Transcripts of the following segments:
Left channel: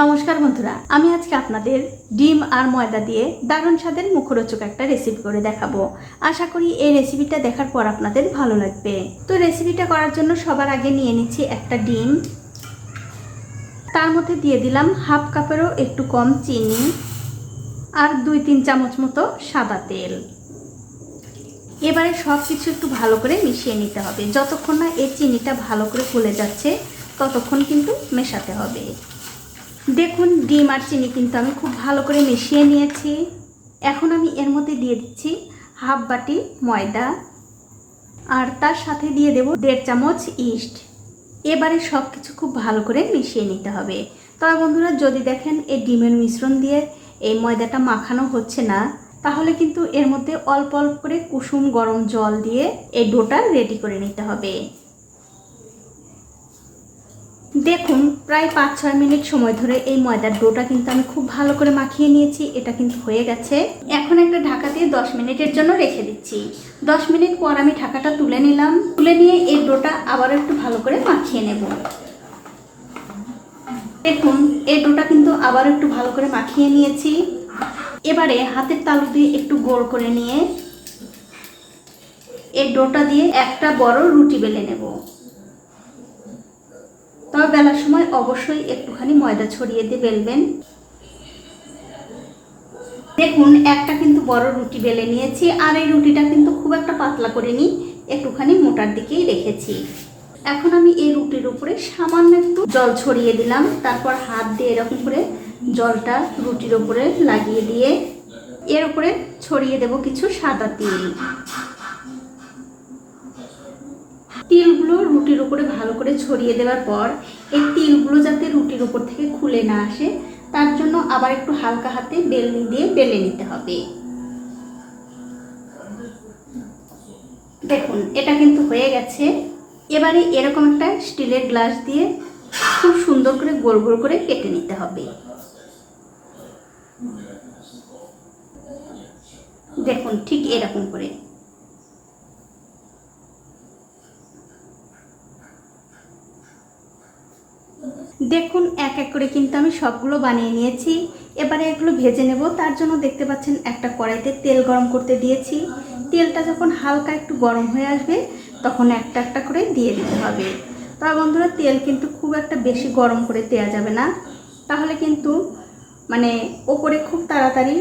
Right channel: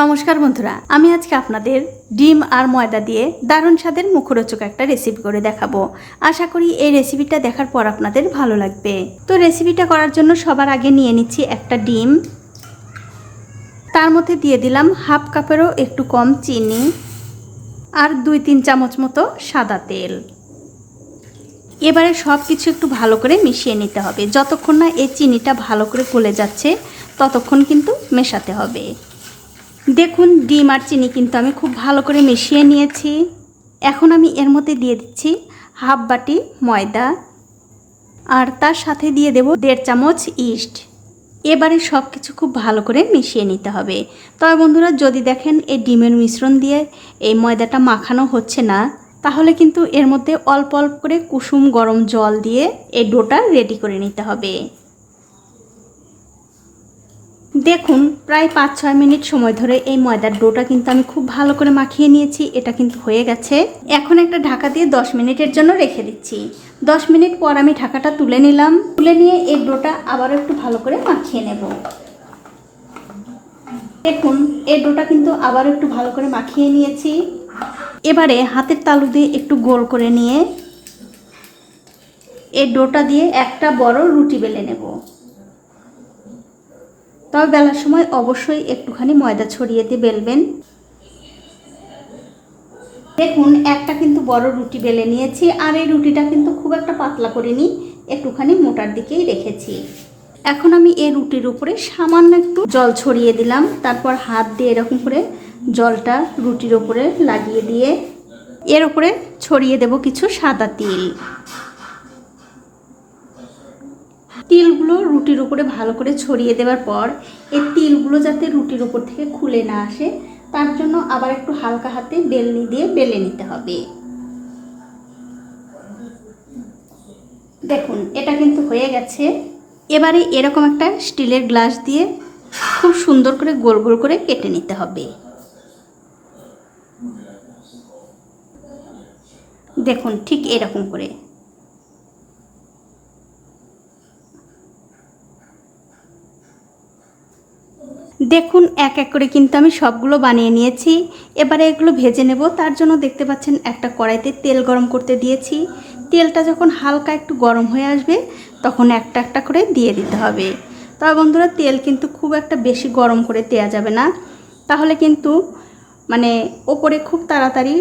নমস্কার বন্ধুরা, আমি আজকে আপনাদের ডিম আর ময়দা দিয়ে দারুণ স্বাদের মুখরোচক একটা রেসিপি করে দেখাবো। আশা করি এই রেসিপিটা দেখার পর আপনাদের ভালো লাগবে। তো রেসিপিটা করার জন্য সবার আগে নিয়ে নিচ্ছি একটা ডিম। তার মধ্যে দিয়ে দিলাম হাফ কাপেরও একটু কম চিনি আর দুই তিন চামচ মতো সাদা তেল। এবারে সব কিছু একটু ভালো করে মিশিয়ে নিতে হবে। যতক্ষণ না এই চিনিটা ভালো করে ফুলে যাচ্ছে, ততক্ষণ কিন্তু মেশাতে হবে। দেখুন, ডিম আর চিনি কিন্তু আমি খুব ভালো করে মিশিয়ে নিয়েছি। এখন আমি এর মধ্যে দিয়ে দিচ্ছি হাফ বাটি ময়দা আর তার সাথে দিয়ে দেব দেড় চামচ ইস্ট। এবারে সব কিছু খুব ভালো করে মিশিয়ে নিতে হবে। তবে বন্ধুরা, যদি দেখেন এই ডিমের মিশ্রণ দিয়ে এই ময়দাটা মাখানো হচ্ছে না, তাহলে কিন্তু এর মধ্যে অল্প অল্প করে কুসুম গরম জল দিয়ে এই ডোটা রেডি করে নিতে হবে। দেখুন, প্রায় পাঁচ ছয় মিনিট সময় ধরে এই ময়দার ডোটা কিন্তু আমি খুব ভালো করে মাখিয়ে নিয়েছি, এটা কিন্তু হয়ে গেছে। এখন একটা ঢাকা দিয়ে দশ মিনিটের জন্য রেখে দিচ্ছি। দশ মিনিট পর আমি ঢাকাটা তুলে নিলাম, তুলে নিয়ে এই ডোটা আবার একটু ভালো করে মাখিয়ে নেব। দেখুন, এই ডোটা কিন্তু আবার একটু ভালো করে মাখিয়ে নিয়েছি। এবারে হাতের তালু দিয়ে একটু গোল করে নিয়ে এই ডোটা দিয়ে একটা বড় রুটি বেলে নেব। তবে বেলার সময় অবশ্যই একটুখানি ময়দা ছড়িয়ে দিয়ে বেলবেন। দেখুন, একটা কিন্তু বড় রুটি বেলে নিয়েছি, আর এই রুটিটা কিন্তু খুব একটা পাতলা করিনি, একটুখানি মোটার দিকেই রেখেছি। এখন আমি এই রুটির উপরে সামান্য একটু জল ছড়িয়ে দিলাম, তারপর হাত দিয়ে এরকম করে জলটা রুটির উপরে লাগিয়ে দিয়ে এর উপরে ছড়িয়ে দেব কিছু সাদা তিল। তিলগুলো রুটির উপরে ভালো করে ছড়িয়ে দেওয়ার পর এই তিলগুলো যাতে রুটির উপর থেকে খুলে না আসে, তার জন্য আবার একটু হালকা হাতে বেলনি দিয়ে বেলে নিতে হবে। দেখুন, এটা কিন্তু হয়ে গেছে। এবারে এরকম একটা স্টিলের গ্লাস দিয়ে খুব সুন্দর করে গোল গোল করে কেটে নিতে হবে। দেখুন, ঠিক এরকম করে। দেখুন, এক এক করে কিন্তু আমি সবগুলো বানিয়ে নিয়েছি। এবারে এগুলো ভেজে নেব। তার জন্য দেখতে পাচ্ছেন একটা কড়াইতে তেল গরম করতে দিয়েছি। তেলটা যখন হালকা একটু গরম হয়ে আসবে, তখন একটা একটা করে দিয়ে দিতে হবে। তবে বন্ধুরা, তেল কিন্তু খুব একটা বেশি গরম করে দেওয়া যাবে না। তাহলে কিন্তু মানে ওপরে খুব তাড়াতাড়ি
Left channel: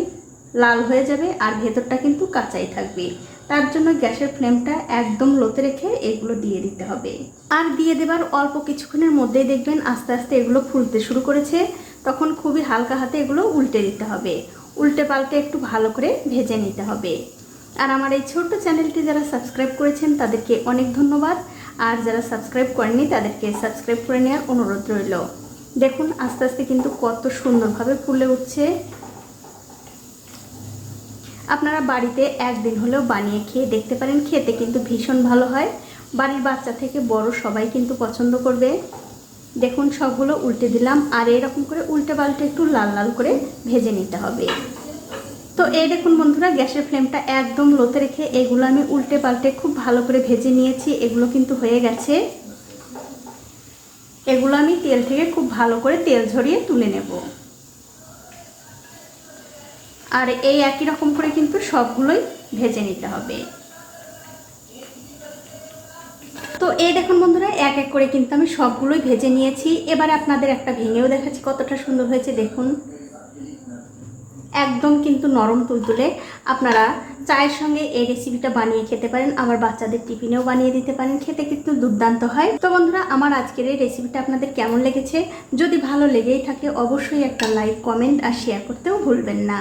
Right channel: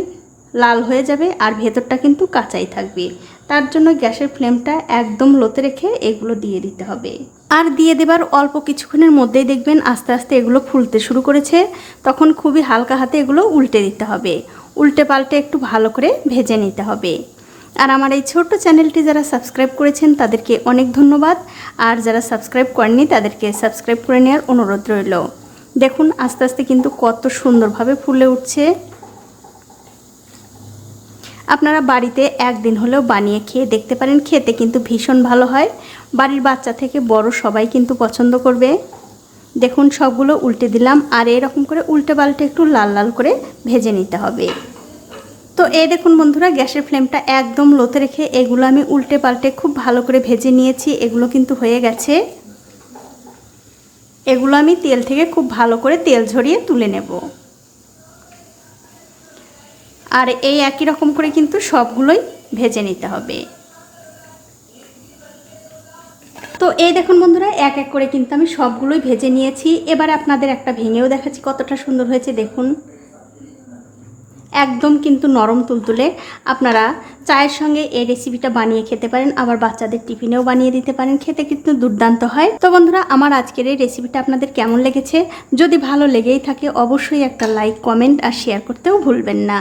লাল হয়ে যাবে আর ভেতরটা কিন্তু কাঁচাই থাকবে। তার জন্য গ্যাসের ফ্লেমটা একদম লোতে রেখে এগুলো দিয়ে দিতে হবে। আর দিয়ে দেবার অল্প কিছুক্ষণের মধ্যেই দেখবেন আস্তে আস্তে এগুলো ফুলতে শুরু করেছে। তখন খুবই হালকা হাতে এগুলো উল্টে দিতে হবে। উল্টে পাল্টে একটু ভালো করে ভেজে নিতে হবে। আর আমার এই ছোট্ট চ্যানেলটি যারা সাবস্ক্রাইব করেছেন, তাদেরকে অনেক ধন্যবাদ। আর যারা সাবস্ক্রাইব করেননি, তাদেরকে সাবস্ক্রাইব করে নেওয়ার অনুরোধ রইল। দেখুন, আস্তে আস্তে কিন্তু কত সুন্দরভাবে ফুলে উঠছে। আপনারা বাড়িতে একদিন হলেও বানিয়ে খেয়ে দেখতে পারেন, খেতে কিন্তু ভীষণ ভালো হয়। বাড়ির বাচ্চা থেকে বড় সবাই কিন্তু পছন্দ করবে। দেখুন, সবগুলো উল্টে দিলাম আর এরকম করে উল্টে পাল্টে একটু লাল লাল করে ভেজে নিতে হবে। তো এই দেখুন বন্ধুরা, গ্যাসের ফ্লেমটা একদম লোতে রেখে এগুলো আমি উল্টে পাল্টে খুব ভালো করে ভেজে নিয়েছি, এগুলো কিন্তু হয়ে গেছে। এগুলো আমি তেল থেকে খুব ভালো করে তেল ঝরিয়ে তুলে নেব। আর এই একই রকম করে কিন্তু সবগুলোই ভেজে নিতে হবে। তো এই দেখুন বন্ধুরা, এক এক করে কিন্তু আমি সবগুলোই ভেজে নিয়েছি। এবারে আপনাদের একটা ভেঙেও দেখাচ্ছি কতটা সুন্দর হয়েছে, দেখুন। একদম কিন্তু নরম তুলতুলে। আপনারা চায়ের সঙ্গে এই রেসিপিটা বানিয়ে খেতে পারেন, আবার বাচ্চাদের টিফিনেও বানিয়ে দিতে পারেন, খেতে কিন্তু দুর্দান্ত হয়। তো বন্ধুরা, আমার আজকের এই রেসিপিটা আপনাদের কেমন লেগেছে? যদি ভালো লেগেই থাকে, অবশ্যই একটা লাইক কমেন্ট আর শেয়ার করতেও ভুলবেন না।